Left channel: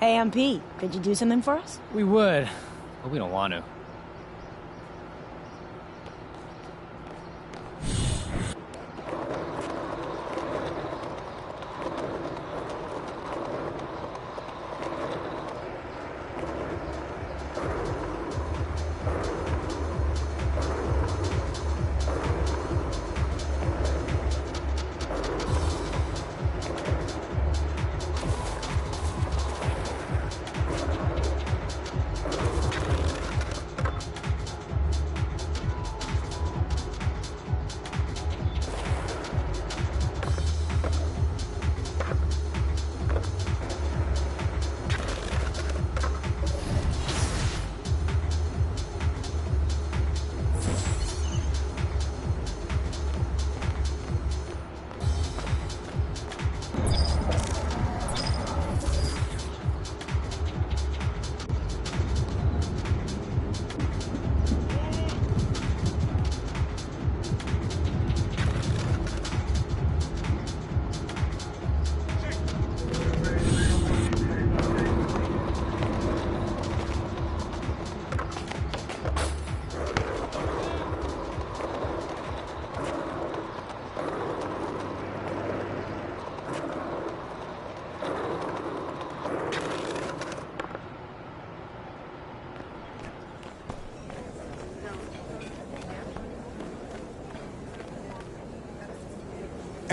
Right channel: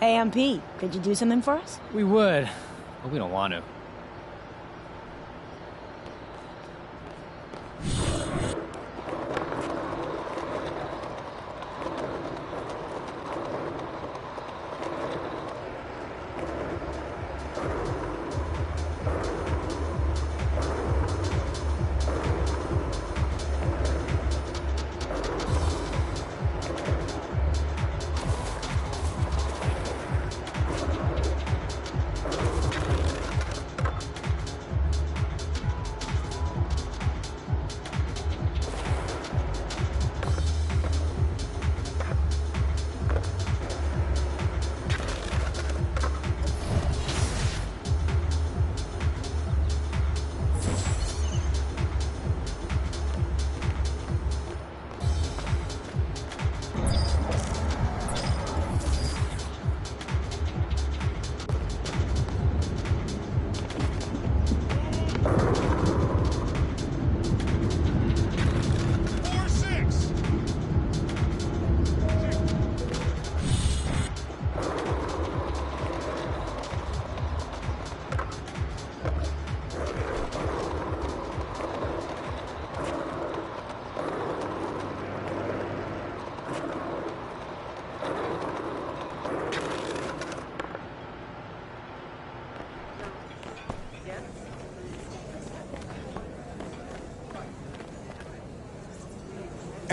Hey, MP, could you do something for us? We would, but we don't want to.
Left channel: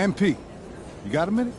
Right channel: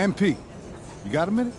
MP, you got a minute?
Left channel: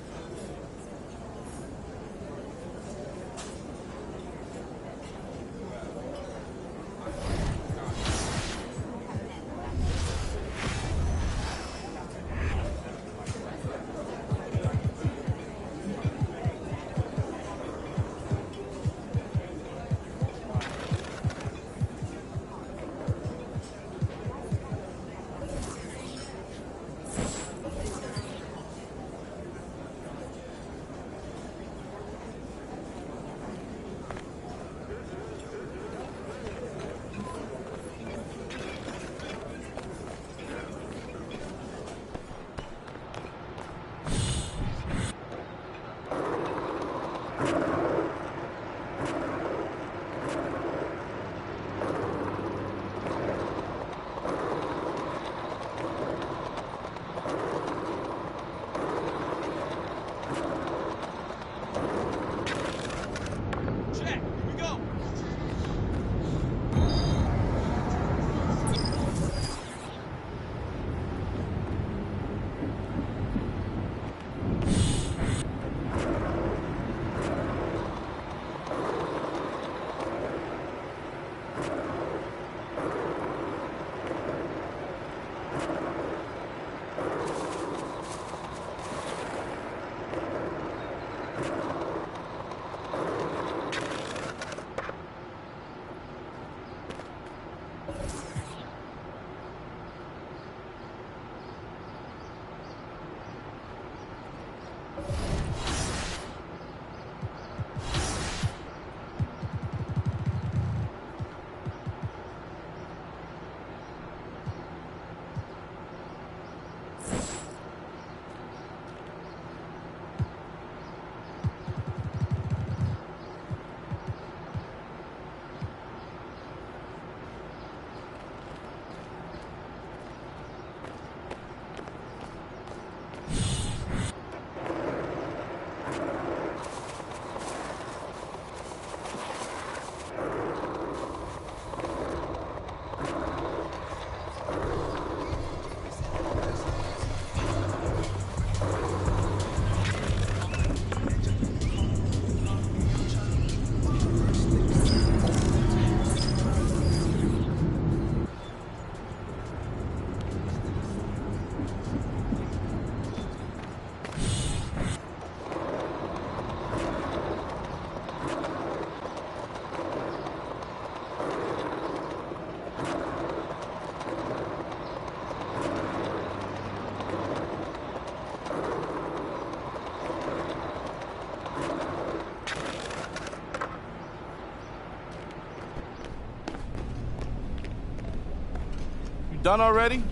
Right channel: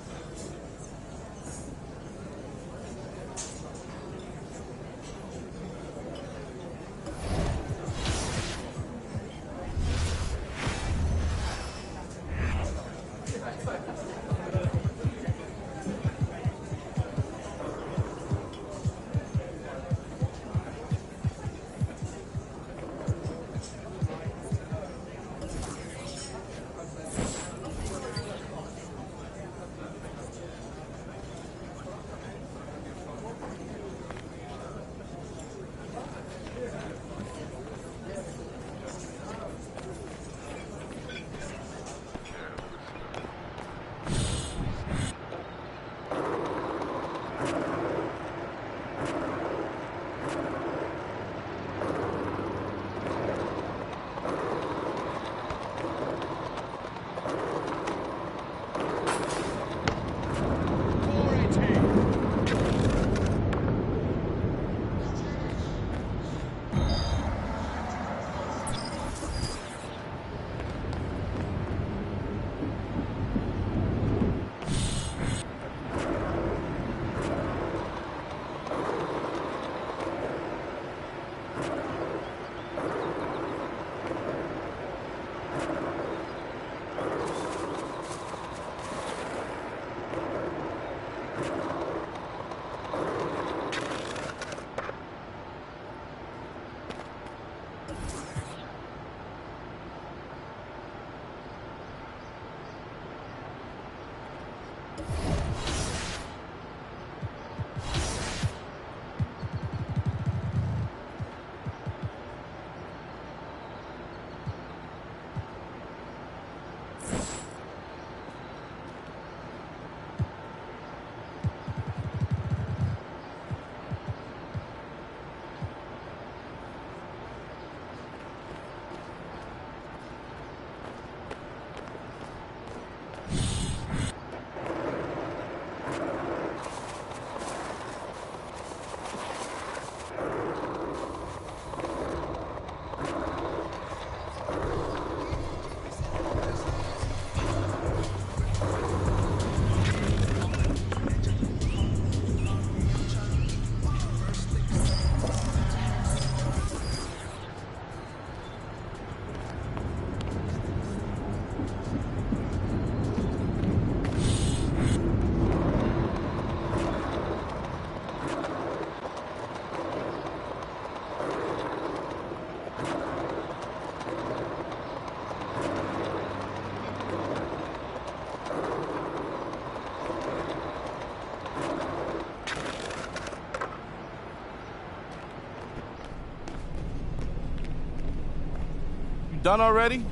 Done already?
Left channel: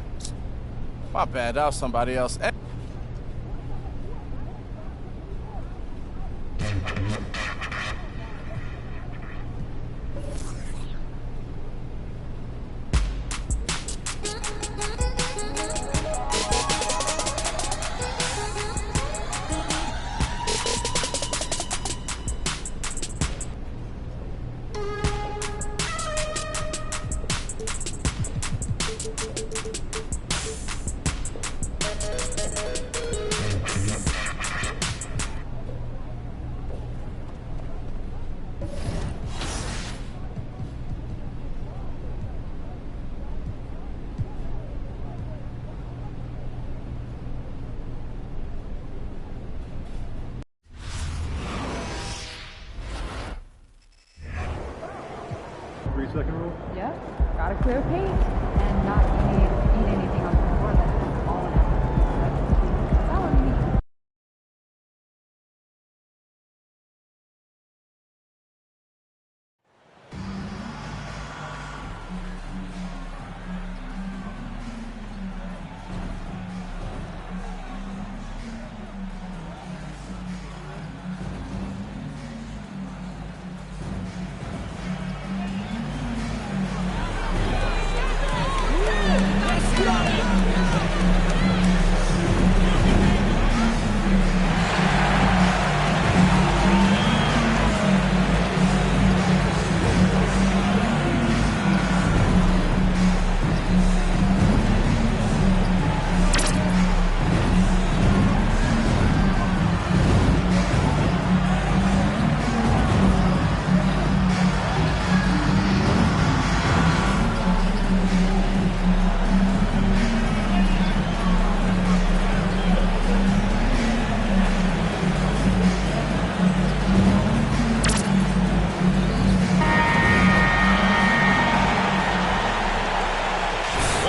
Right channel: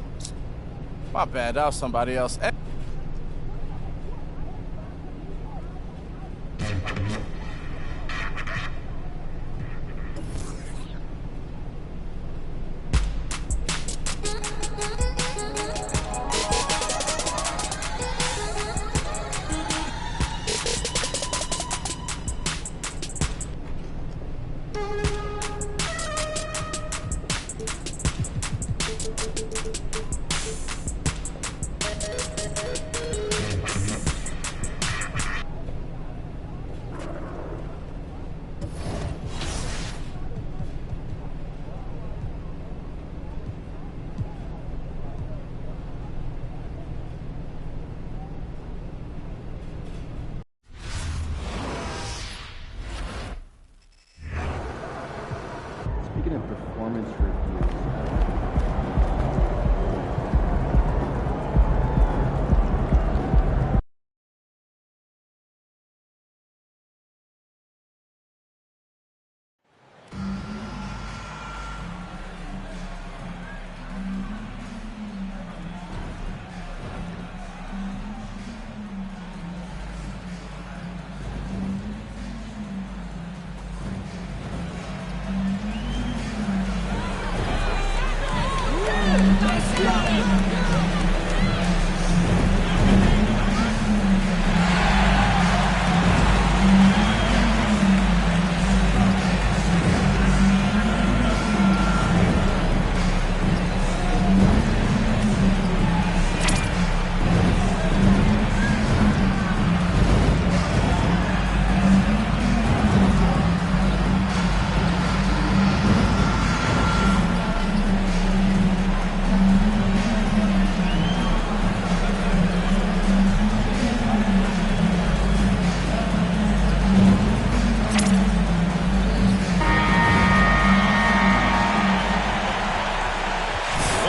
My bad, that was somebody else.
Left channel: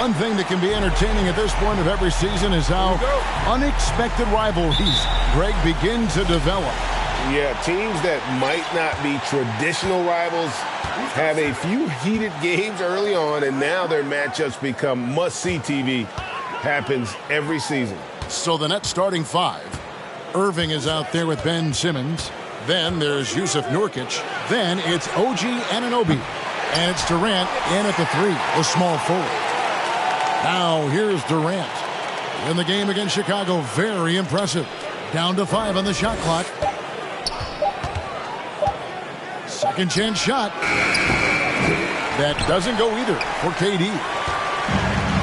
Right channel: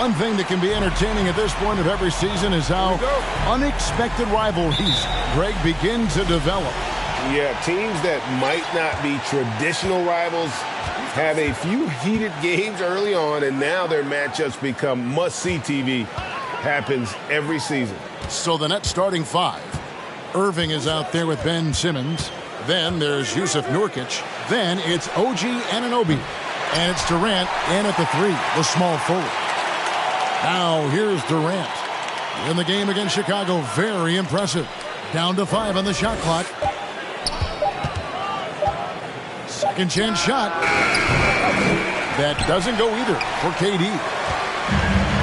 One thing that can be entertaining at this point of every season is how unexpected rivalries, Greg, begin to develop. Yeah, teams that might not be traditional rivals have a few heated games early on, and now their matchups become must-see TV. Happens every season. So the Nets starting five. Irving is out there with Ben Simmons. Then there's Yusuf Nurkic. Then it's OG Anunoby. And it's Durant in at the three, the small forward. Now here's Durant. In the game against Chicago, very impressive. Down to 5 on the shot clock. Second chance shot. That doesn't go either for KD.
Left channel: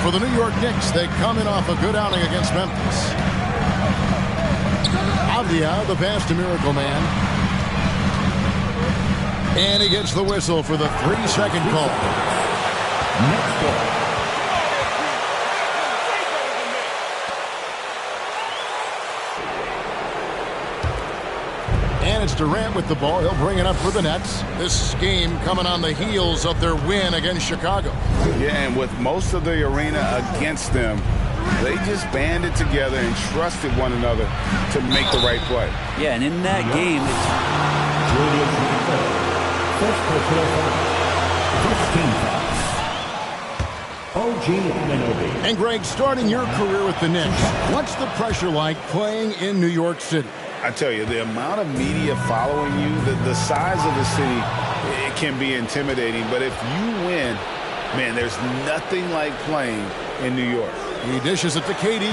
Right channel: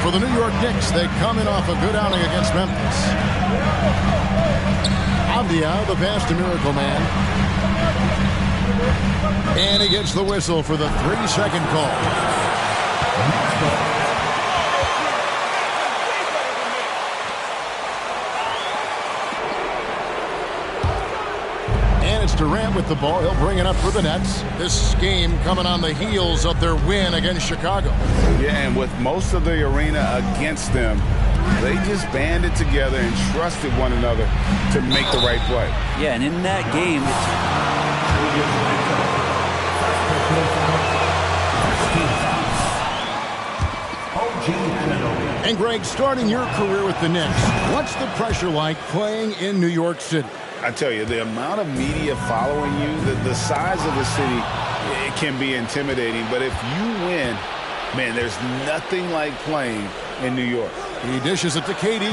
For the New York Knicks, they come in off a good outing against Memphis. Avdia, the pass to Miracle Man. And he gets the whistle for the 3-second call. Next ball. And it's Durant with the ball. He'll bring it up for the Nets. This game coming on the heels of their win against Chicago. Yeah, and with most of the arena against them, they just banded together and trusted one another to make the right play. Yeah, and in that game, And Greg, starting your career with the Knicks, what's the pressure like playing in New York City? I tell you, the amount of media following you, the size of the city, it can be intimidating. But if you win, man, there's nothing like playing in New York. He dishes it to KD.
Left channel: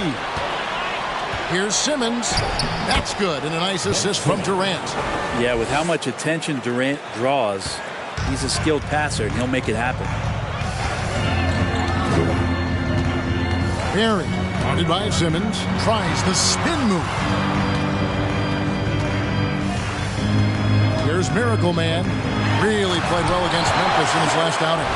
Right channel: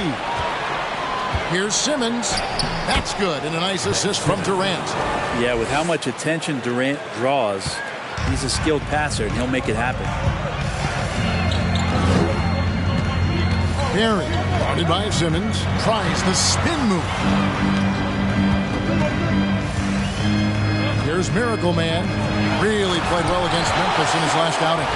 Here's Simmons. That's good, and a nice assist from Durant. Yeah, with how much attention Durant draws, he's a skilled passer, and he'll make it happen. Perry, guarded by Simmons, tries the spin move. Here's Miracle Man. Really played well against Memphis in his last outing.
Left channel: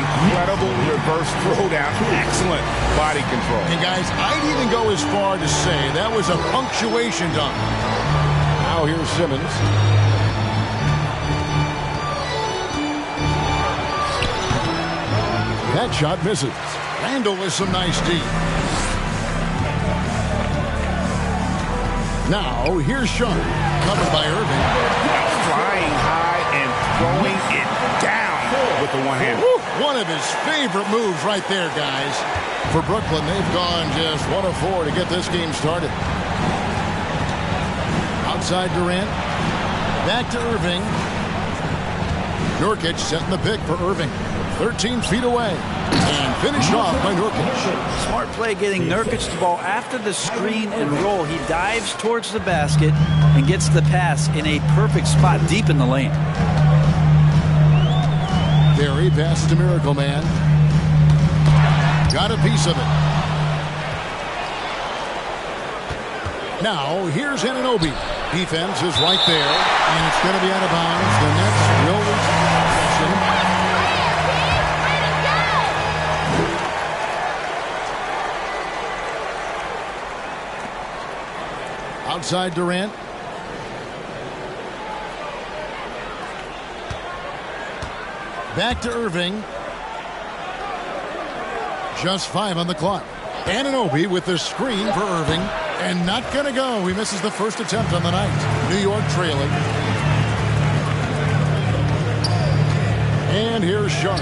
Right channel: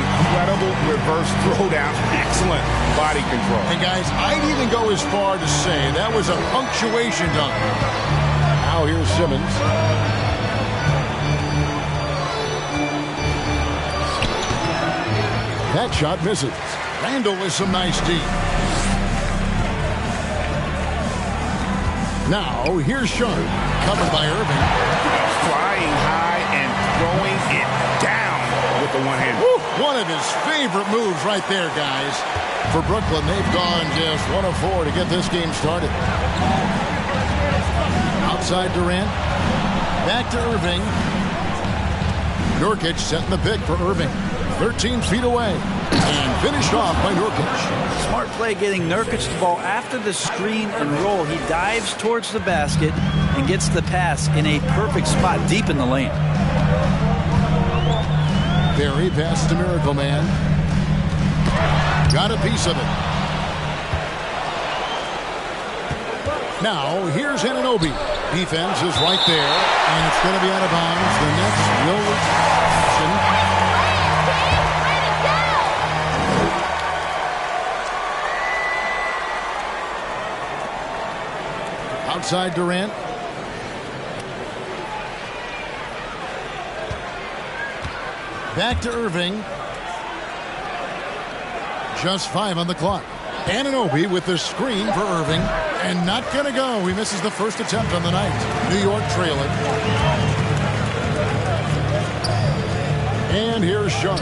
Incredible reverse throwdown. Excellent body control. And guys, I'd even go as far to say that was a punctuation dunk. Now here's Simmons. That shot misses. Randall with some nice D. Now here's Sharp. Covered by Irving. Flying high and throwing it down with the one-hand. One of his favorite moves right there, guys. For Brooklyn, they've gone just 1 of 4 to get this game started. Outside Durant. Back to Irving. Nurkic setting the pick for Irving. 13 feet away. And finished off by Nurkic. Smart play getting Nurkic the ball after the screen and roll. He dives towards the basket and gets the pass in a perfect spot deep in the lane. Barry passes to Miracle Man. Got a piece of it. Now, here's Anunoby. Defense is right there, and it's going to be out of bounds. The Nets will retain possession. Outside Durant. Back to Irving. Just 5 on the clock. Anunoby with the screen for Irving. And not going to go. He misses the first attempt on the night. New York trailing. And here's Sharp.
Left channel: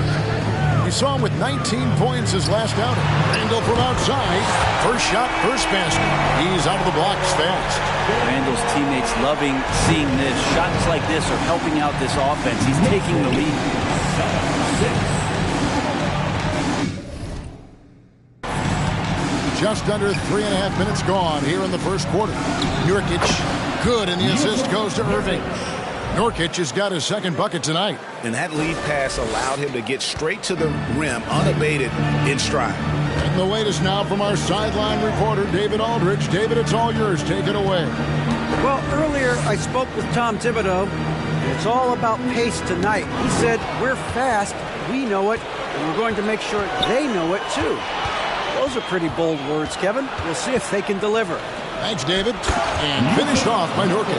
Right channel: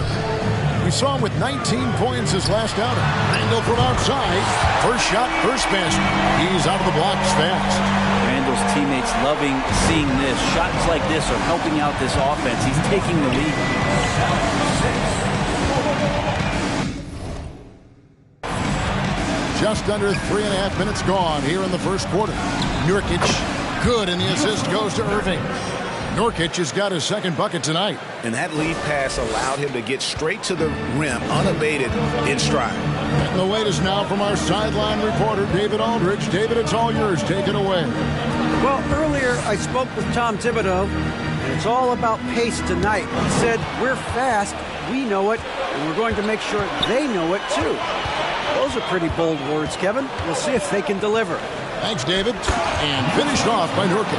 We saw him with 19 points his last outing. Randall from outside. First shot, first basket. He's out of the blocks fast. Randall's teammates loving seeing this. Shots like this are helping out this offense. He's taking the lead. Just under 3.5 minutes gone here in the first quarter. Nurkic, good, and the assist goes to Irving. Nurkic has got his second bucket tonight. And that lead pass allowed him to get straight to the rim, unabated, in stride. And the wait is now from our sideline reporter, David Aldridge. David, it's all yours. Take it away. Well, earlier I spoke with Tom Thibodeau, and it's all about pace tonight. He said, we're fast, we know it, and we're going to make sure they know it too. Those are pretty bold words, Kevin. We'll see if they can deliver. Thanks, David. And finished off by Nurkic.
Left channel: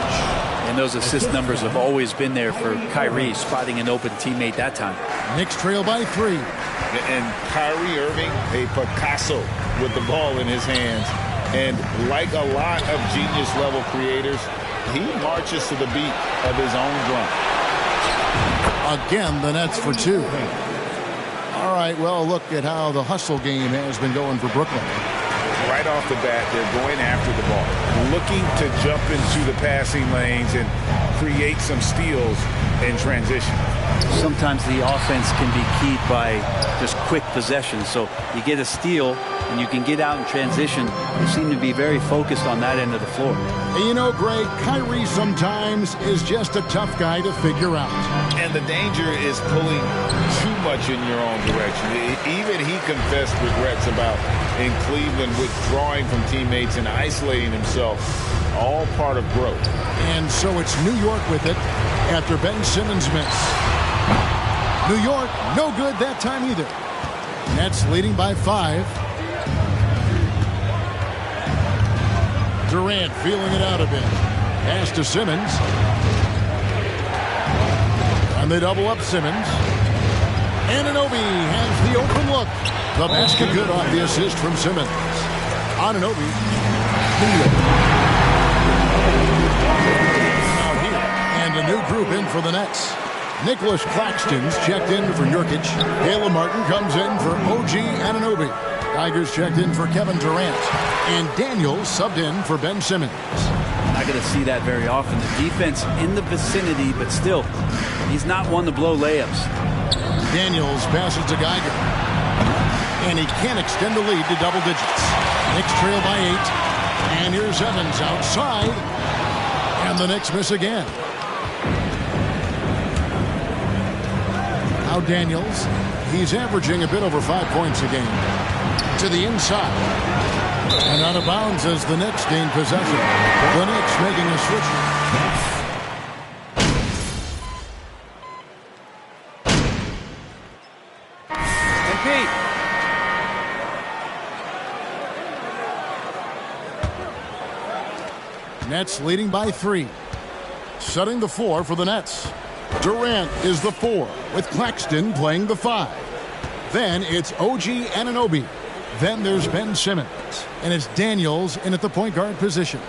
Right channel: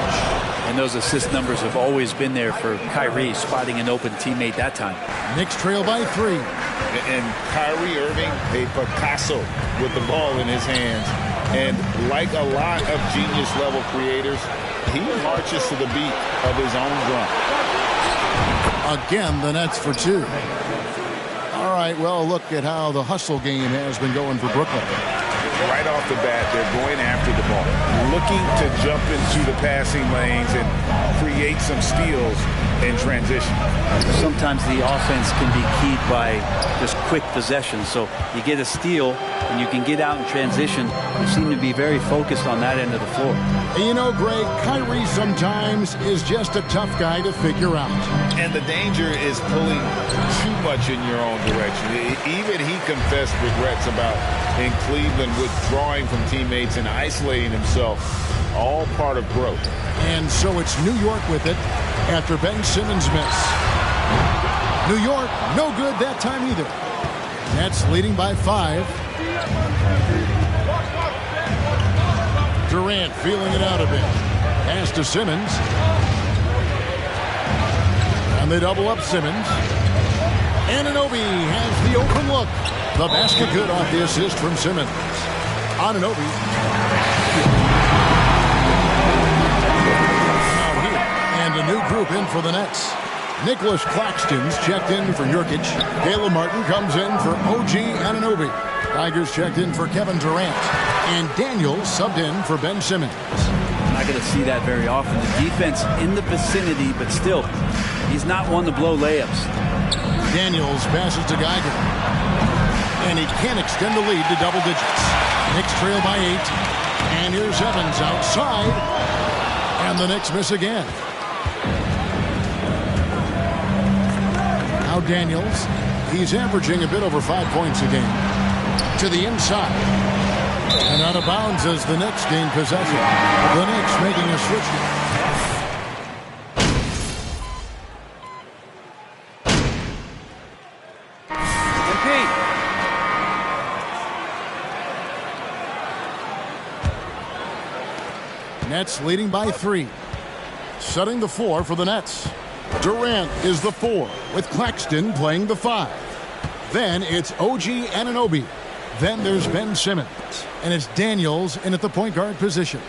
And those assist numbers have always been there for Kyrie, spotting an open teammate that time. Knicks trail by 3. And Kyrie Irving, a Picasso with the ball in his hands. And like a lot of genius-level creators, he marches to the beat of his own drum. Again, the Nets for 2. All right, well, look at how the hustle game has been going for Brooklyn. Right off the bat, they're going after the ball, looking to jump into the passing lanes and create some steals in transition. Sometimes the offense can be keyed by just quick possession. So you get a steal and you can get out in transition. They seem to be very focused on that end of the floor. You know, Greg, Kyrie sometimes is just a tough guy to figure out. And the danger is pulling too much in your own direction. Even he confessed regrets about in Cleveland withdrawing from teammates and isolating himself. All part of growth. And so it's New York with it after Ben Simmons' miss. New York, no good that time either. Nets leading by 5. Durant feeling it out a bit. Pass to Simmons. And they double up Simmons. Anunoby has the open look. The basket good off the assist from Simmons. Anunoby. Out here. And a new group in for the Nets. Nicholas Claxton's checked in for Nurkic. Caleb Martin comes in for OG Anunoby. Tigers checked in for Kevin Durant. And Daniels subbed in for Ben Simmons. Not going to see that very often. The defense in the vicinity, but still, he's not one to blow layups. Daniels passes to Geiger. And he can't extend the lead to double digits. Knicks trail by 8. And here's Evans outside. And the Knicks miss again. Now Daniels. He's averaging a bit over 5 points a game. To the inside. And out of bounds as the Knicks gain possession. The Knicks making a switch here. Nets leading by 3. Setting the 4 for the Nets. Durant is the 4 with Claxton playing the 5. Then it's OG Anunoby. Then there's Ben Simmons. And it's Daniels in at the point guard position.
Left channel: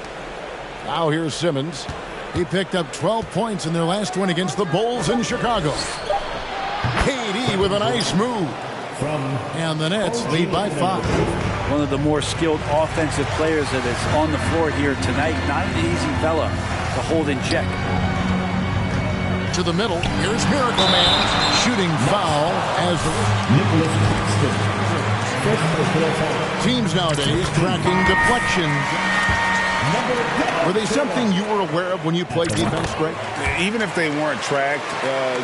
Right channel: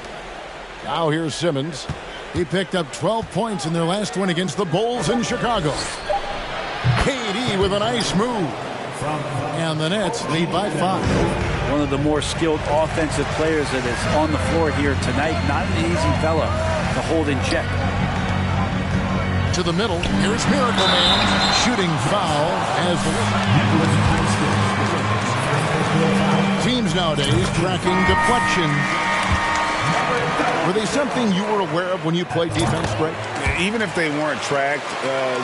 Now here's Simmons. He picked up 12 points in their last win against the Bulls in Chicago. KD with a nice move. And the Nets lead by 5. One of the more skilled offensive players that is on the floor here tonight. Not an easy fella to hold in check. to the middle. Here's Miracle Man. Shooting foul as the teams nowadays tracking deflections. Were they something you were aware of when you played defense, Greg? Even if they weren't tracked,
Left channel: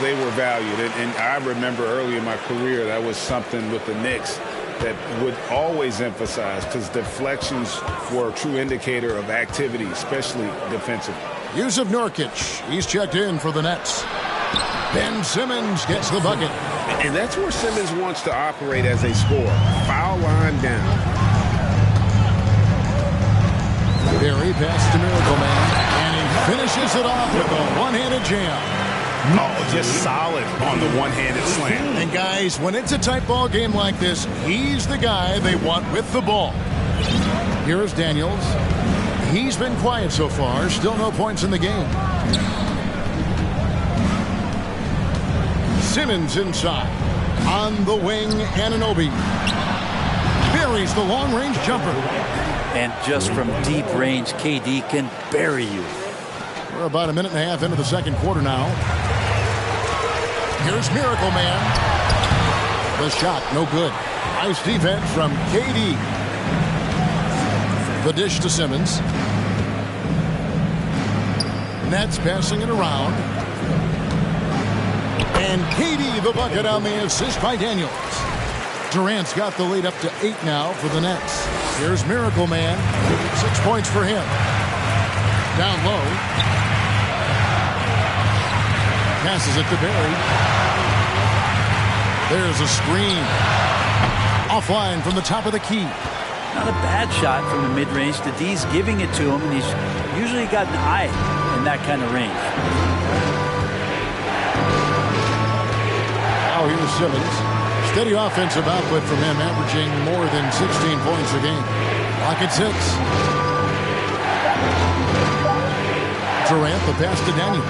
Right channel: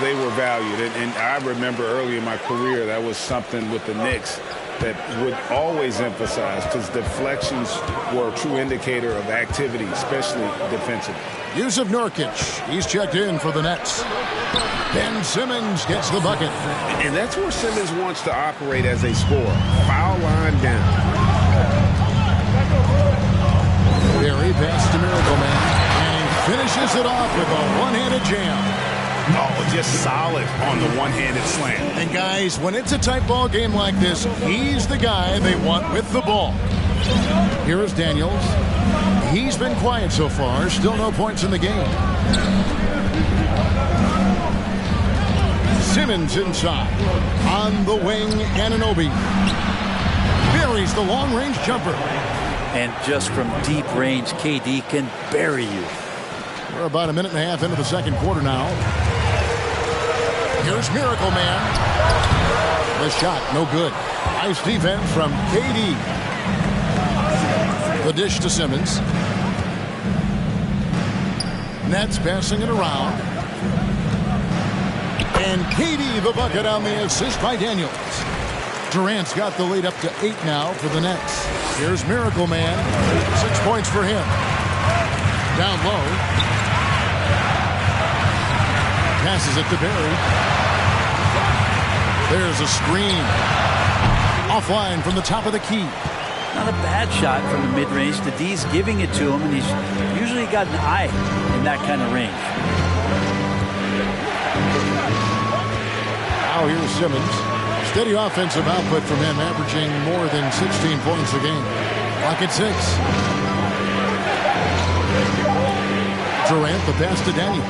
they were valued. And I remember early in my career, that was something with the Knicks that would always emphasize, because deflections were a true indicator of activity, especially defensively. Jusuf Nurkic, he's checked in for the Nets. Ben Simmons gets the bucket. And that's where Simmons wants to operate as a scorer. Foul line down. Barry pass to Miracle Man, and he finishes it off with a one-handed jam. Oh, just solid on the one-handed slam. And guys, when it's a tight ball game like this, he's the guy they want with the ball. Here is Daniels. He's been quiet so far. Still no points in the game. Simmons inside. On the wing, Anunoby. Buries the long-range jumper. And just from deep range, KD can bury you. We're about a minute and a half into the second quarter now. Here's Miracle Man. The shot, no good. Nice defense from KD. The dish to Simmons. Nets passing it around. And KD the bucket on the assist by Daniels. Durant's got the lead up to 8 now for the Nets. Here's Miracle Man. 6 points for him. Down low. Passes it to Barry. There's a screen. Offline from the top of the key. Not a bad shot from the mid-range. The D's giving it to him, and he's usually got an eye in that kind of range. Now here's Simmons. Steady offensive output from him, averaging more than 16 points a game. Lock at 6. Durant, the pass to Daniels.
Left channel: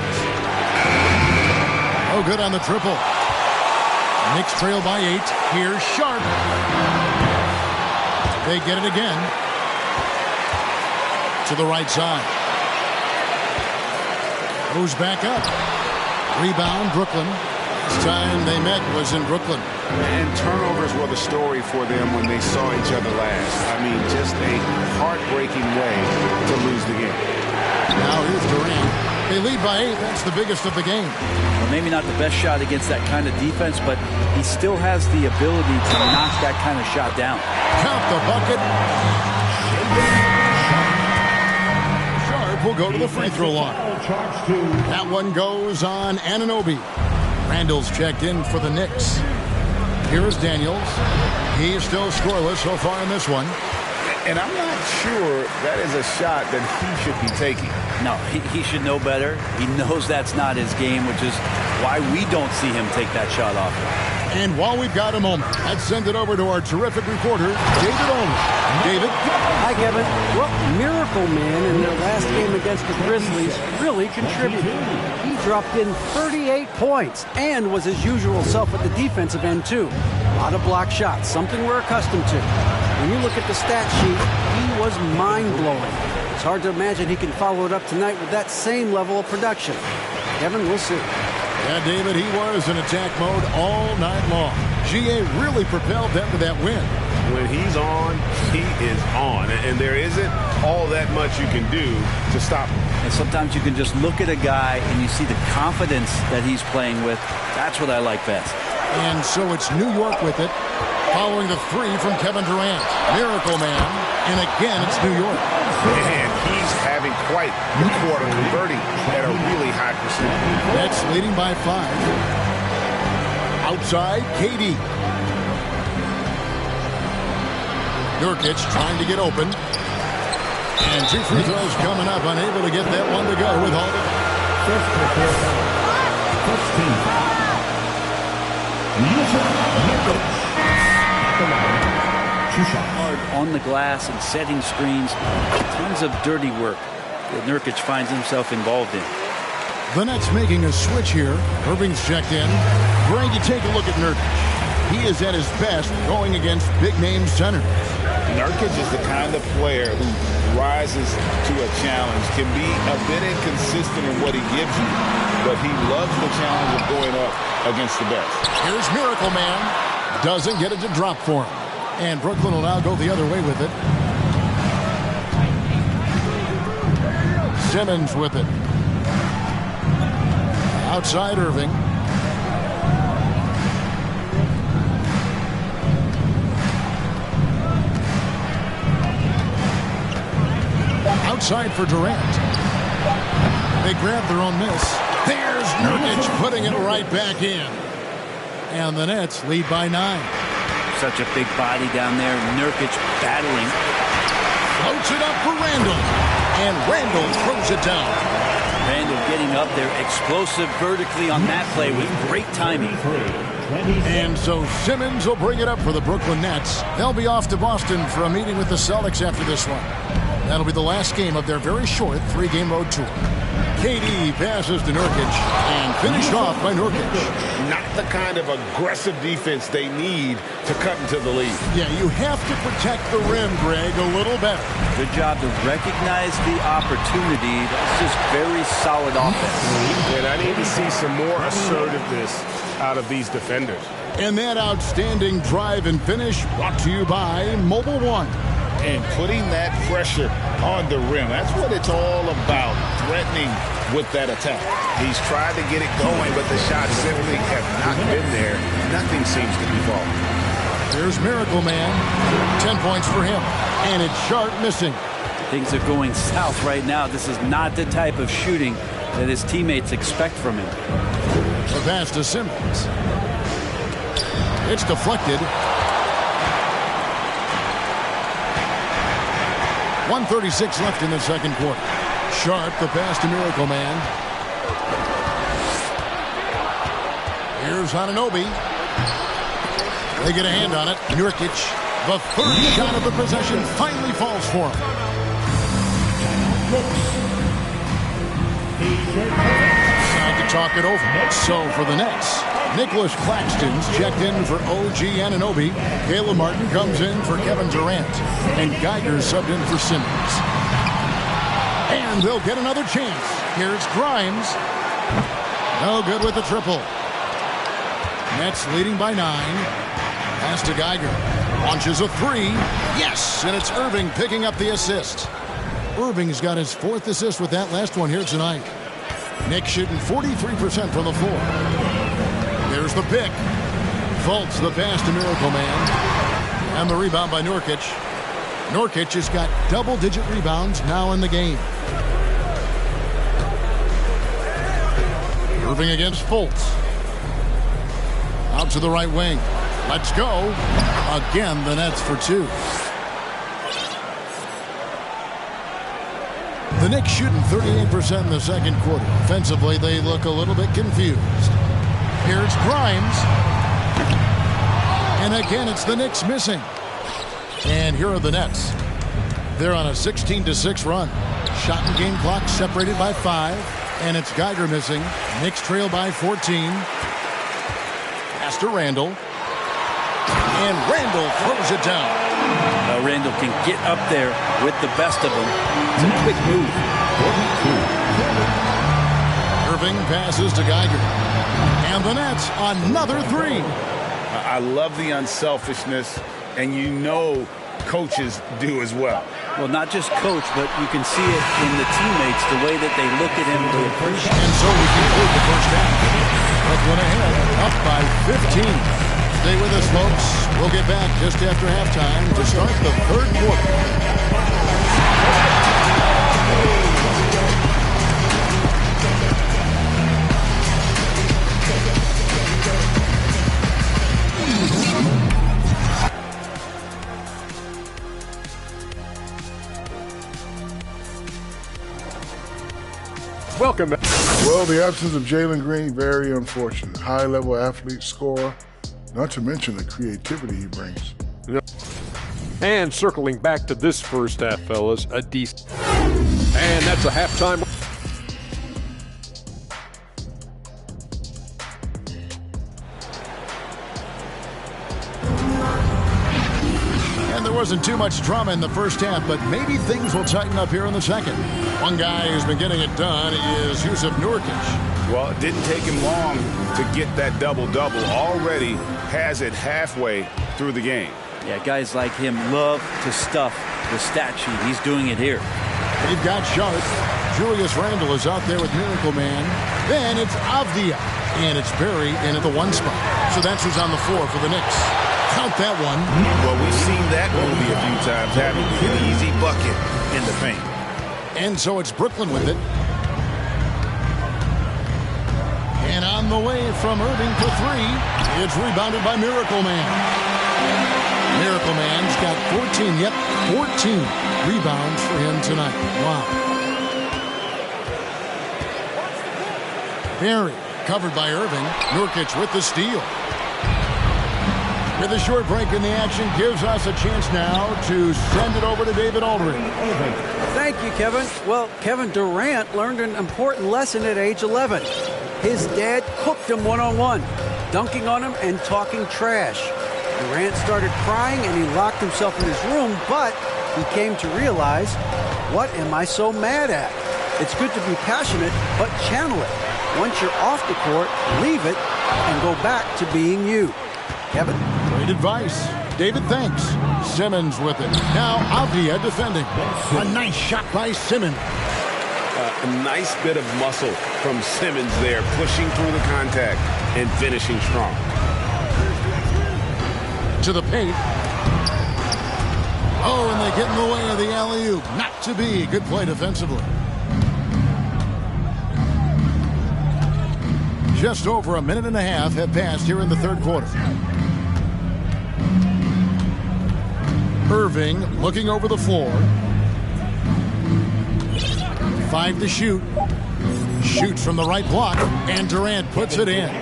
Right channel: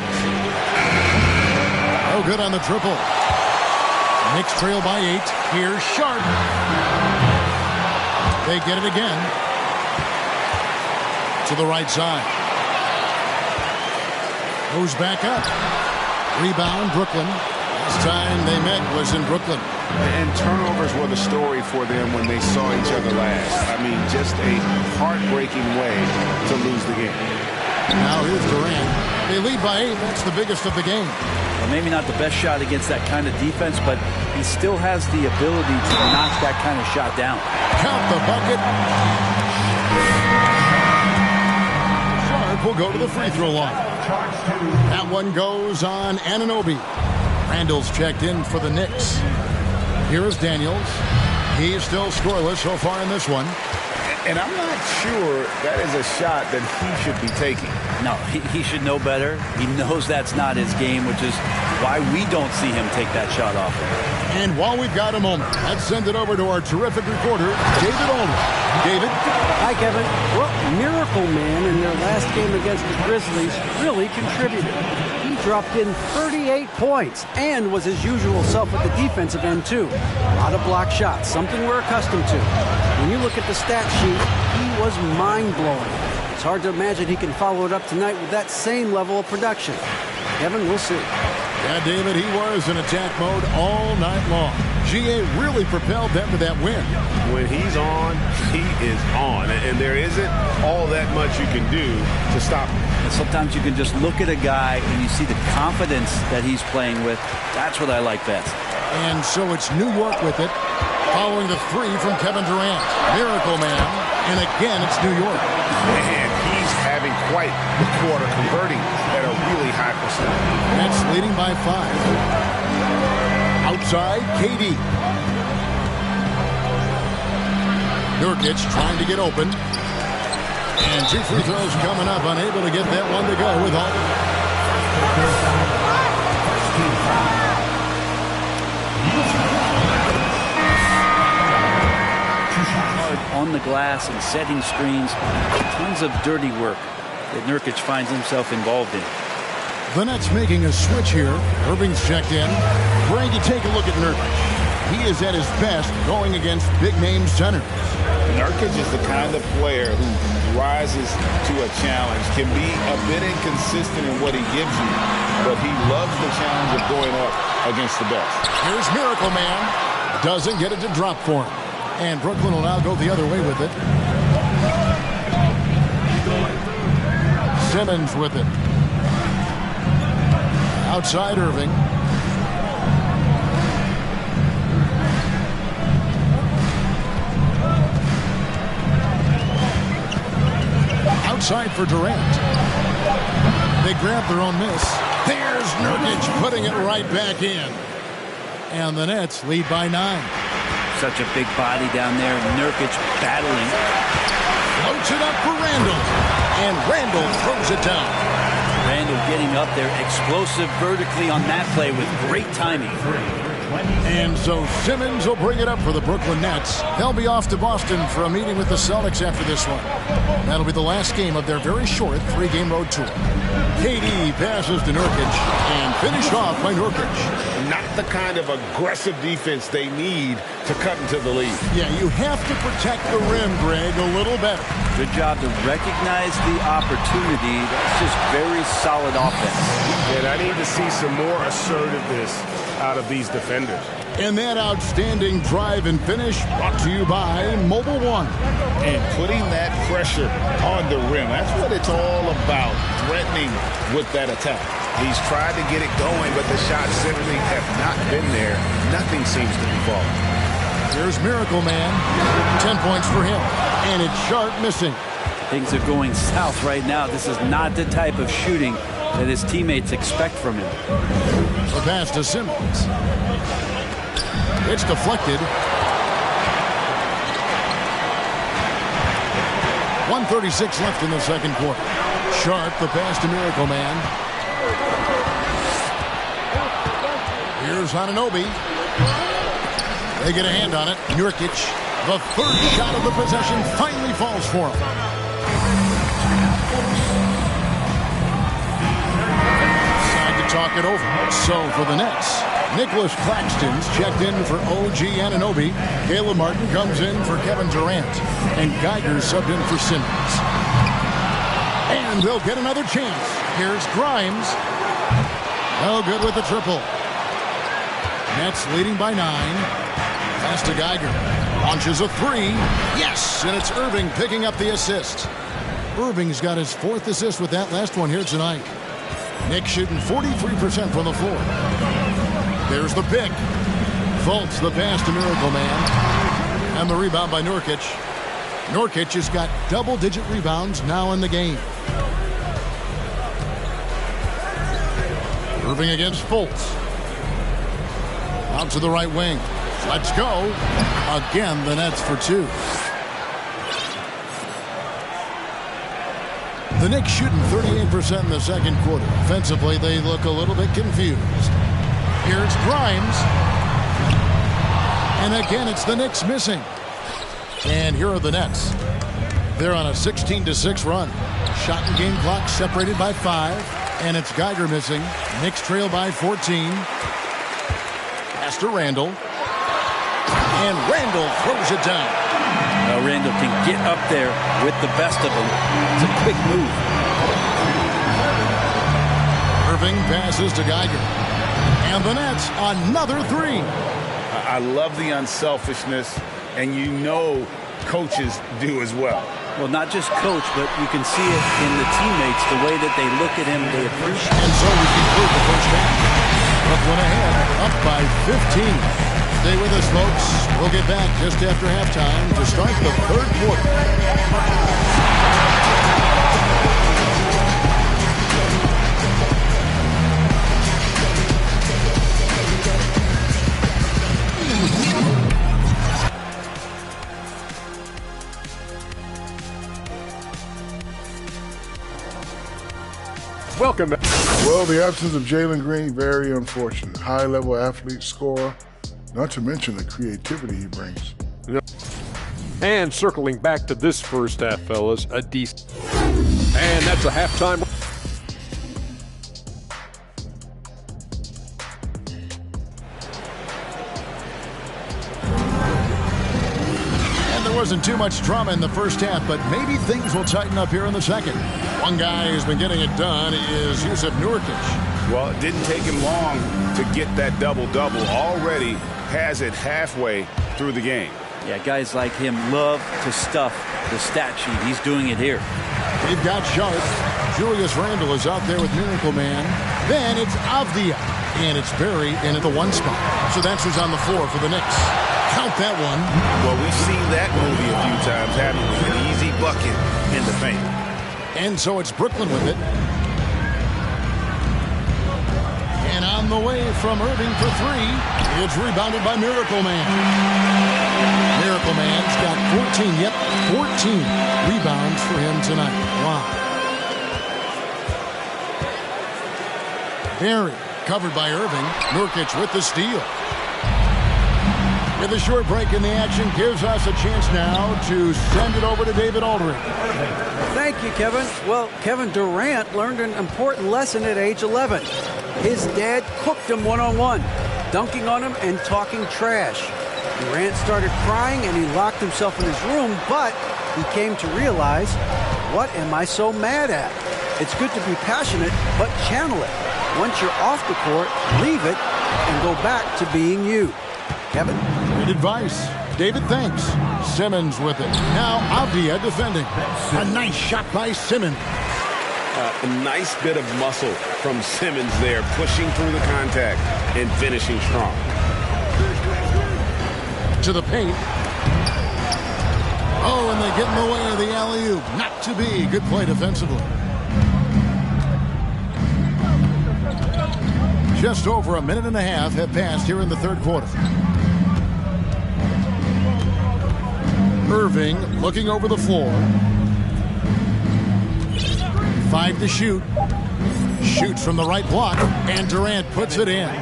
Oh, good on the triple. Knicks trail by 8. Here's Sharp. They get it again. To the right side. Goes back up. Rebound, Brooklyn. Last time they met was in Brooklyn. And turnovers were the story for them when they saw each other last. I mean, just a heartbreaking way to lose the game. Now here's Durant. They lead by 8. That's the biggest of the game. Well, maybe not the best shot against that kind of defense, but he still has the ability to knock that kind of shot down. Count the bucket. Sharp will go to the free throw line. That one goes on Anunoby. Randall's checked in for the Knicks. Here's Daniels. He's still scoreless so far in this one. And I'm not sure that is a shot that he should be taking. No, he should know better. He knows that's not his game, which is why we don't see him take that shot often. And while we've got a moment, let's send it over to our terrific reporter, David Aldridge. David? Hi, Kevin. Well, Miracle Man in their last game against the Grizzlies really contributed. He dropped in 38 points and was his usual self at the defensive end, too. A lot of block shots, something we're accustomed to. When you look at the stat sheet, he was mind-blowing. It's hard to imagine he can follow it up tonight with that same level of production. Kevin, we'll see. Yeah, David, he was in attack mode all night long. GA really propelled them to that win. When he's on, he is on. And there isn't all that much you can do to stop him. And sometimes you can just look at a guy and you see the confidence that he's playing with. That's what I like best. And so it's New York with it, following the 3 from Kevin Durant. Miracle Man. And again, it's New York. And he's having quite the quarter, converting at a really high percentage. Nets leading by 5. Outside, KD. Nurkic trying to get open. And 2 free throws coming up, unable to get that one to go with all the... Hard on the glass and setting screens. Tons of dirty work that Nurkic finds himself involved in. The Nets making a switch here. Irving's checked in. Greg, you take a look at Nurkic. He is at his best going against big-name centers. Nurkic is the kind of player who rises to a challenge, can be a bit inconsistent in what he gives you, but he loves the challenge of going up against the best. Here's Miracle Man. Doesn't get it to drop for him. And Brooklyn will now go the other way with it. Simmons with it. Outside Irving. Outside for Durant. They grab their own miss. There's Nurkic putting it right back in. And the Nets lead by 9. Such a big body down there. Nurkic battling. Floats it up for Randall. And Randall throws it down. Randall getting up there, explosive vertically on that play with great timing. And so Simmons will bring it up for the Brooklyn Nets. They'll be off to Boston for a meeting with the Celtics after this one. That'll be the last game of their very short 3-game road tour. KD passes to Nurkic and finished off by Nurkic. Not the kind of aggressive defense they need to cut into the lead. Yeah, you have to protect the rim, Greg, a little better. Good job to recognize the opportunity. That's just very solid offense. And I need to see some more assertiveness out of these defenders. And that outstanding drive and finish brought to you by Mobile One. And putting that pressure on the rim. That's what it's all about, threatening with that attack. He's tried to get it going, but the shots simply have not been there. Nothing seems to be falling. Here's Miracle Man. 10 points for him. And it's Sharp missing. Things are going south right now. This is not the type of shooting that his teammates expect from him. The pass to Simmons. It's deflected. 1:36 left in the second quarter. Sharp, the pass to Miracle Man. Here's Anunoby. They get a hand on it. Nurkic, the third shot of the possession, finally falls for him. Decide to talk it over. So for the Nets, Nicholas Claxton's checked in for OG Anunoby. Caleb Martin comes in for Kevin Durant. And Geiger subbed in for Simmons. And they'll get another chance. Here's Grimes. No good with the triple. Nets leading by 9. Pass to Geiger. Launches a 3. Yes! And it's Irving picking up the assist. Irving's got his 4th assist with that last one here tonight. Nick shooting 43% from the floor. There's the pick. Fultz the pass to Miracle Man. And the rebound by Nurkic. Nurkic has got double-digit rebounds now in the game. Irving against Fultz. Out to the right wing. Let's go. Again, the Nets for 2. The Knicks shooting 38% in the second quarter. Offensively, they look a little bit confused. Here's Grimes. And again, it's the Knicks missing. And here are the Nets. They're on a 16-6 run. Shot and game clock separated by 5. And it's Geiger missing. Knicks trail by 14. Pass to Randall. And Randall throws it down. Well, Randall can get up there with the best of them. It's a quick move. Irving passes to Geiger. And the Nets, another 3. I love the unselfishness, and you know coaches do as well. Well, not just coach, but you can see it in the teammates, the way that they look at him, they appreciate it. And so we conclude the first half. Brooklyn ahead, up by 15. Stay with us, folks. We'll get back just after halftime to start the third quarter. Welcome back. Well, the absence of Jalen Green, very unfortunate. High-level athlete, scorer, not to mention the creativity he brings. And circling back to this first half, fellas, a decent. And that's a halftime. wasn't too much drama in the first half, but maybe things will tighten up here in the second. One guy who's been getting it done is Jusuf Nurkic. Well, it didn't take him long to get that double-double. Already has it halfway through the game. Yeah, guys like him love to stuff the stat sheet. He's doing it here. They've got Sharp. Julius Randle is out there with Miracle Man. Then it's Avdia. And it's Barry in at the 1 spot. So that's who's on the floor for the Knicks. Count that one. Well, we've seen that movie a few times, haven't we? An easy bucket in the paint. And so it's Brooklyn with it. And on the way from Irving for 3, it's rebounded by Miracle Man. Miracle Man's got 14, 14 rebounds for him tonight. Wow. Barry covered by Irving. Nurkic with the steal. With a short break in the action, gives us a chance now to send it over to David Aldridge. Thank you, Kevin. Well, Kevin Durant learned an important lesson at age 11. His dad cooked him one-on-one, dunking on him and talking trash. Durant started crying and he locked himself in his room, but he came to realize, what am I so mad at? It's good to be passionate, but channel it. Once you're off the court, leave it and go back to being you. Kevin? Great advice. David, thanks. Simmons with it. Now Avdia defending. A nice shot by Simmons. A nice bit of muscle from Simmons there, pushing through the contact and finishing strong. To the paint. Oh, and they get in the way of the alley-oop. Not to be. Good play defensively. Just over a minute and a half have passed here in the third quarter. Irving looking over the floor. 5 to shoot. Shoots from the right block, and Durant puts it in.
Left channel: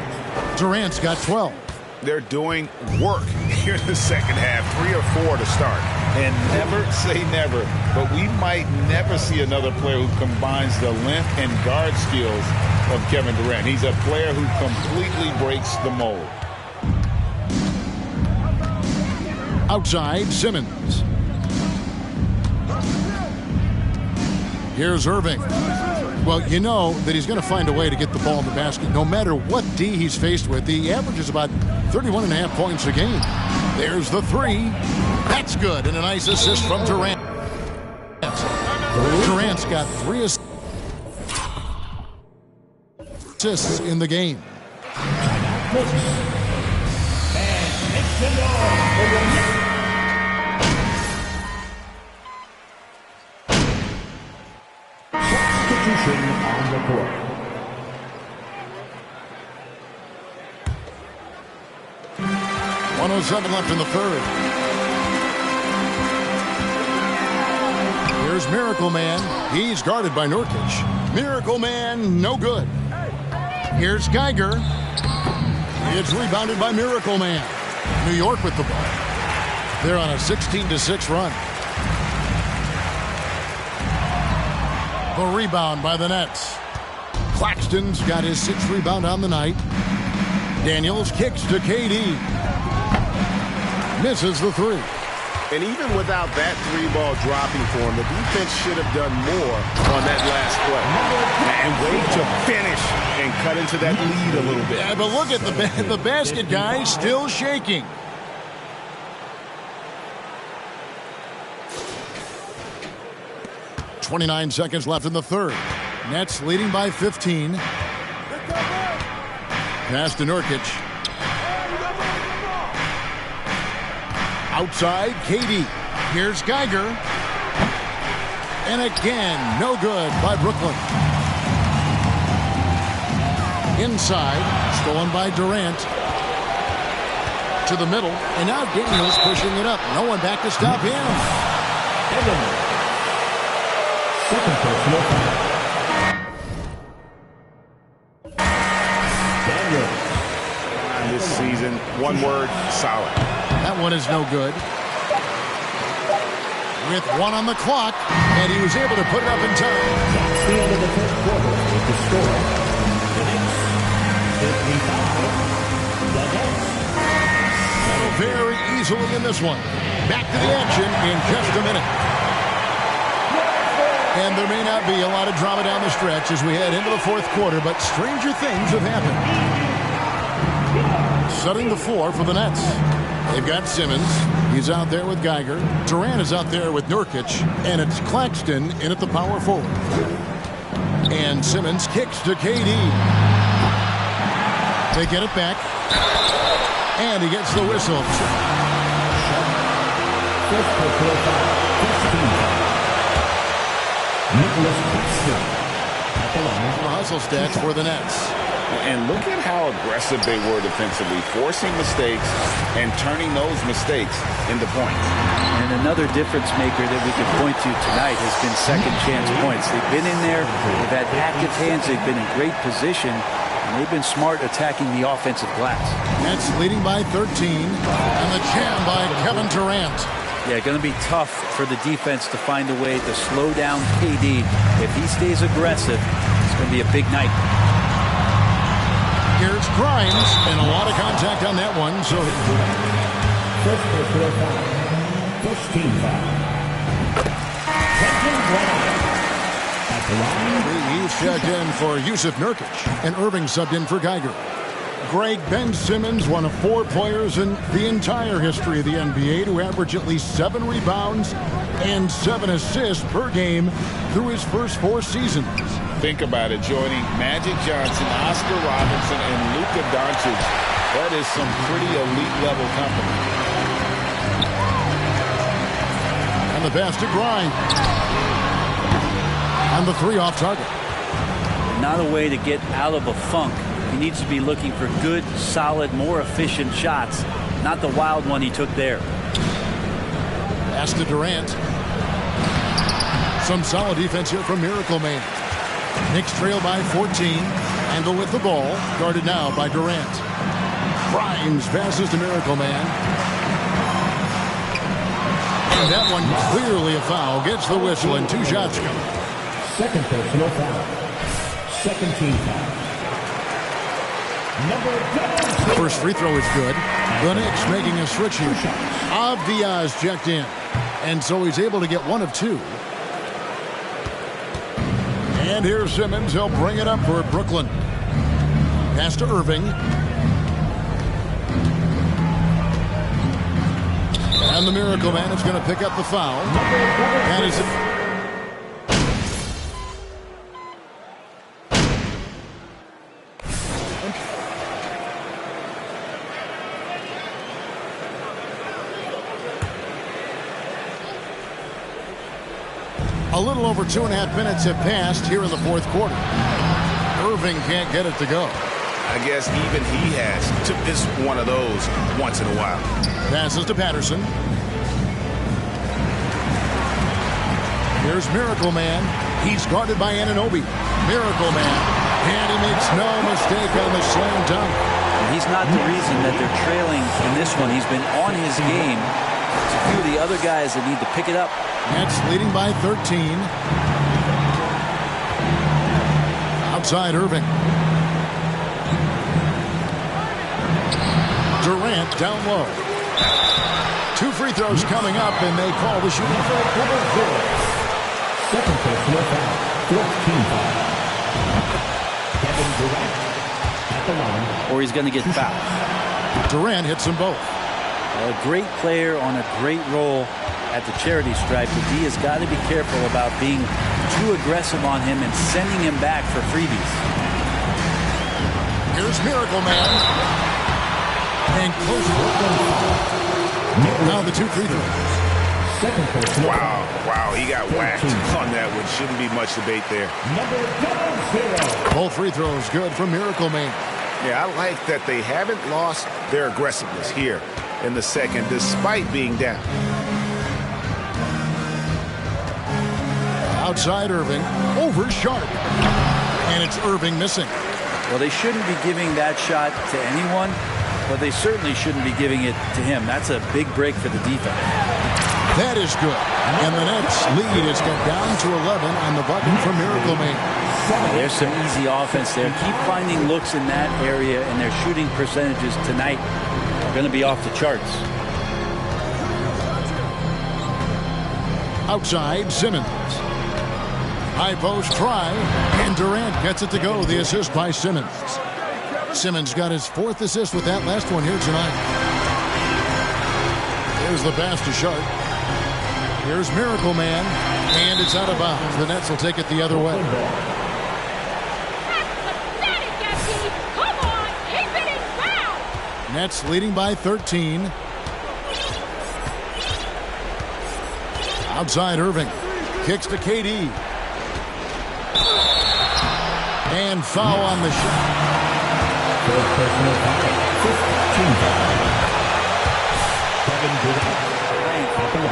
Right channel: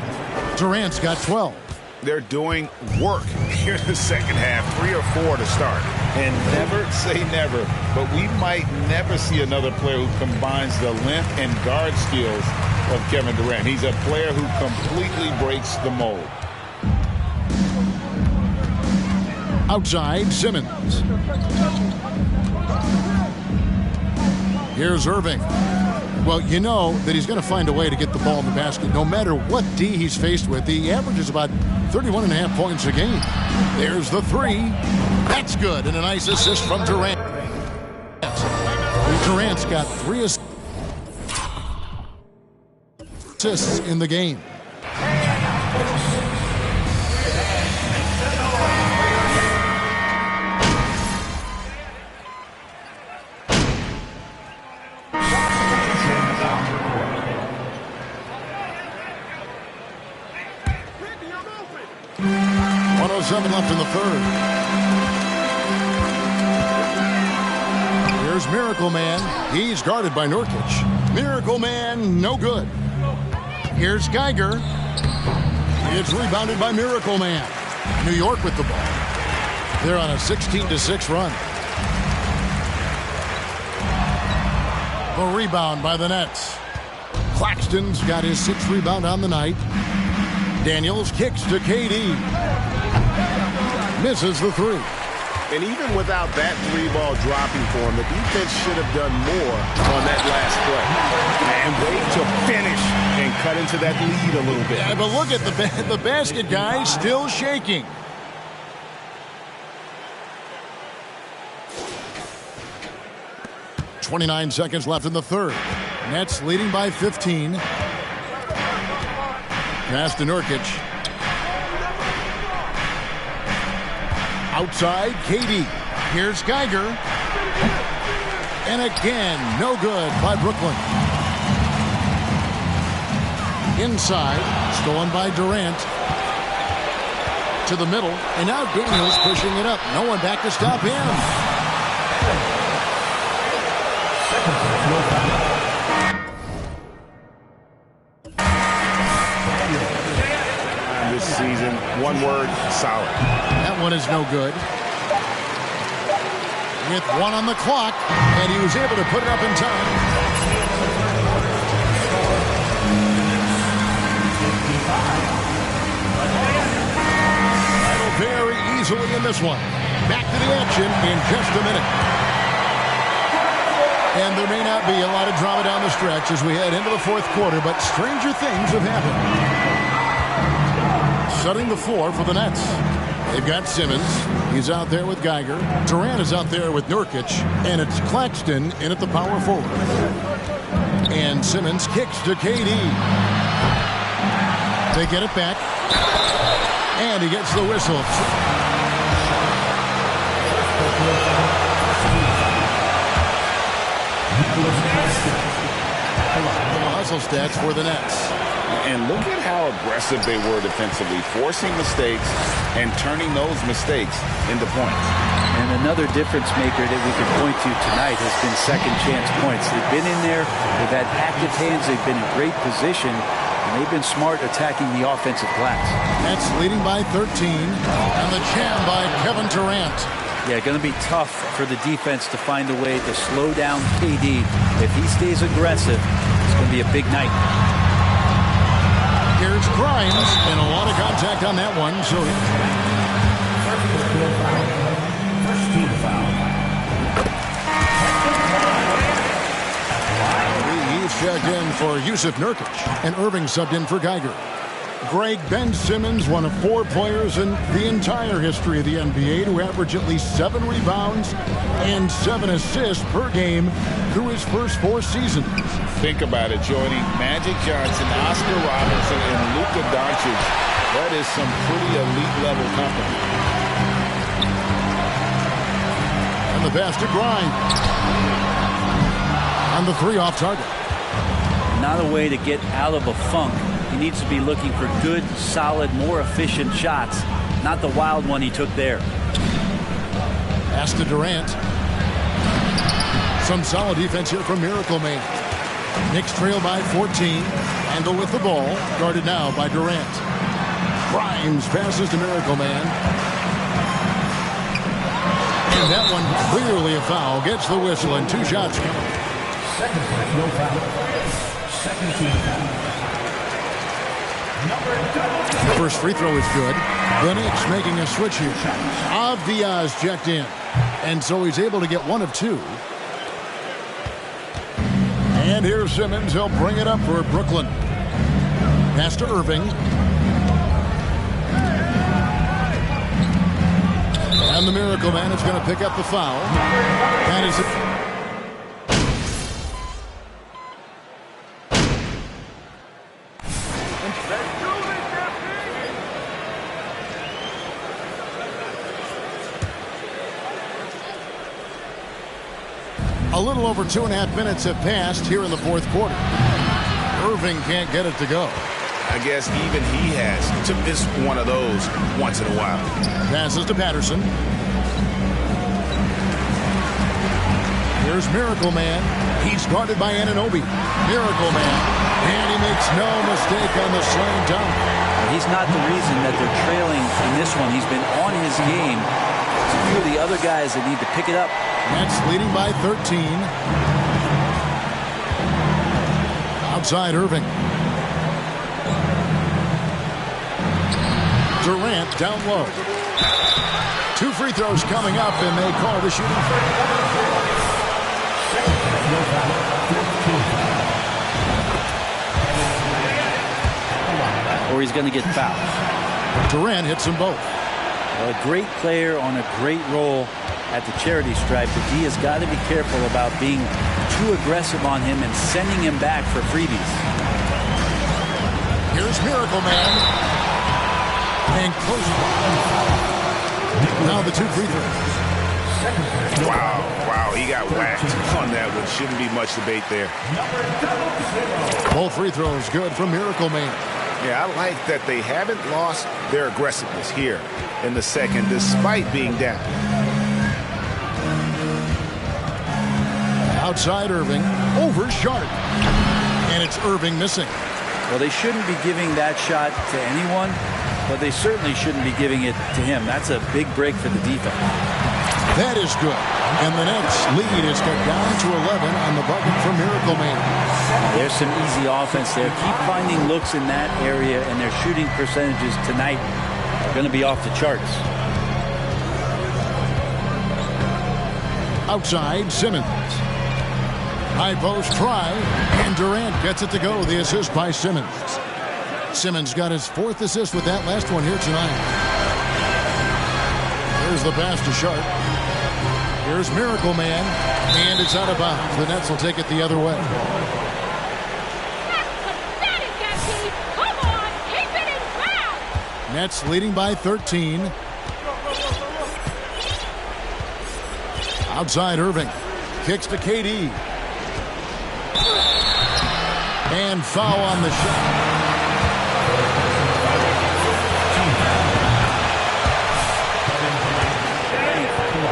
Durant's got 12. They're doing work here in the second half, 3 or 4 to start. And never say never, but we might never see another player who combines the length and guard skills of Kevin Durant. He's a player who completely breaks the mold. Outside, Simmons. Here's Irving. Well, you know that he's going to find a way to get the ball in the basket no matter what D he's faced with. The average is about 31.5 points a game. There's the 3. That's good, and a nice assist from Durant. Durant's got 3 assists in the game. .107 left in the third. Here's Miracle Man. He's guarded by Nurkic. Miracle Man, no good. Here's Geiger. It's rebounded by Miracle Man. New York with the ball. They're on a 16-6 run. The rebound by the Nets. Claxton's got his 6th rebound on the night. Daniels kicks to KD. Misses the 3. And even without that 3-ball dropping for him, the defense should have done more on that last play. And wait to finish and cut into that lead a little bit. Yeah, but look at the basket guy still shaking. .29 seconds left in the third. Nets leading by 15. Pass to Nurkic. Outside, KD. Here's Geiger. And again, no good by Brooklyn. Inside, stolen by Durant. To the middle, and now Daniels pushing it up. No one back to stop him. Second personal foul. This season, one word, solid. That one is no good. With 1 on the clock, and he was able to put it up in time. That's the end of the first quarter with the score. The Knicks 55. The Jazz. And a very easily in this one. Back to the action in just a minute. And there may not be a lot of drama down the stretch as we head into the fourth quarter, but stranger things have happened. Setting the floor for the Nets. They've got Simmons. He's out there with Geiger. Durant is out there with Nurkic. And it's Claxton in at the power forward. And Simmons kicks to KD. They get it back. And he gets the whistle. First personal foul, first team foul. Nicholas Claxton at the line. The hustle stats for the Nets. And look at how aggressive they were defensively, forcing mistakes and turning those mistakes into points. And another difference maker that we can point to tonight has been second chance points. They've been in there, they've had active hands, they've been in great position, and they've been smart attacking the offensive glass. Nets leading by 13, and the jam by Kevin Durant. Yeah, going to be tough for the defense to find a way to slow down KD. If he stays aggressive, it's going to be a big night. Here's Grimes, and a lot of contact on that one. So First personal foul, first team foul. At the line. he's checked in for Yusuf Nurkic, and Irving subbed in for Geiger. Greg, Ben Simmons, one of 4 players in the entire history of the NBA to average at least 7 rebounds and 7 assists per game through his first 4 seasons. Think about it, joining Magic Johnson, Oscar Robertson, and Luka Doncic. That is some pretty elite level company. And the pass to Grimes. And the 3 off target. Not a way to get out of a funk. He needs to be looking for good, solid, more efficient shots, not the wild one he took there. Pass to Durant. Some solid defense here from Miracle Man. Knicks trail by 14. Randle with the ball, guarded now by Durant. Grimes passes to Miracle Man. And that one clearly a foul. Gets the whistle and 2 shots coming. Second personal foul. Second team foul. First free throw is good. The Knicks making a switch here. Diaz checked in. And so he's able to get 1 of 2. And here's Simmons. He'll bring it up for Brooklyn. Pass to Irving. And the Miracle Man is going to pick up the foul. That is it. A little over 2.5 minutes have passed here in the fourth quarter. Irving can't get it to go. I guess even he has to miss one of those once in a while. Passes to Patterson. Here's Miracle Man. He's guarded by Anunoby. Miracle Man. And he makes no mistake on the slam dunk. He's not the reason that they're trailing in this one. He's been on his game. There's a few of the other guys that need to pick it up. Nets leading by 13. Outside Irving. Durant down low. 2 free throws coming up, and they call the shooting foul. Second personal foul. Fourth team foul. Kevin Durant at the line. Or he's going to get fouled. Durant hits them both. Well, a great player on a great role at the charity stripe. The D has got to be careful about being too aggressive on him and sending him back for freebies. Here's Miracle Man. And close. Now the 2 free throws. Wow, he got whacked on that one. Shouldn't be much debate there. Both free throws good from Miracle Man. Yeah, I like that they haven't lost their aggressiveness here in the second, despite being down. Outside Irving, over Sharp. And it's Irving missing. Well, they shouldn't be giving that shot to anyone, but they certainly shouldn't be giving it to him. That's a big break for the defense. That is good. And the Nets lead is cut down to 11 on the button from Miracle Man. There's some easy offense there. Keep finding looks in that area, and their shooting percentages tonight are going to be off the charts. Outside, Simmons. High post try, and Durant gets it to go. The assist by Simmons. Simmons got his 4th assist with that last one here tonight. Here's the pass to Sharp. Here's Miracle Man, and it's out of bounds. The Nets will take it the other way. That's pathetic, MP. Come on, keep it in bounds. Nets leading by 13. Outside Irving. Kicks to KD. And foul on the shot.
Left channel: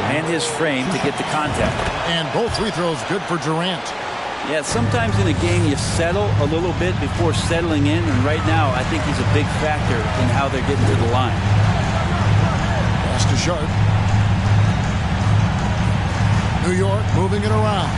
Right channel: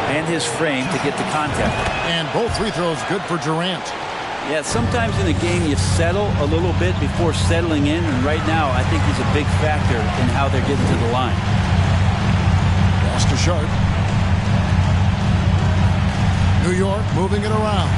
And his frame to get the contact. And both free throws good for Durant. Yeah, sometimes in a game you settle a little bit before settling in, and right now I think he's a big factor in how they're getting to the line. Pass to Sharp. New York moving it around.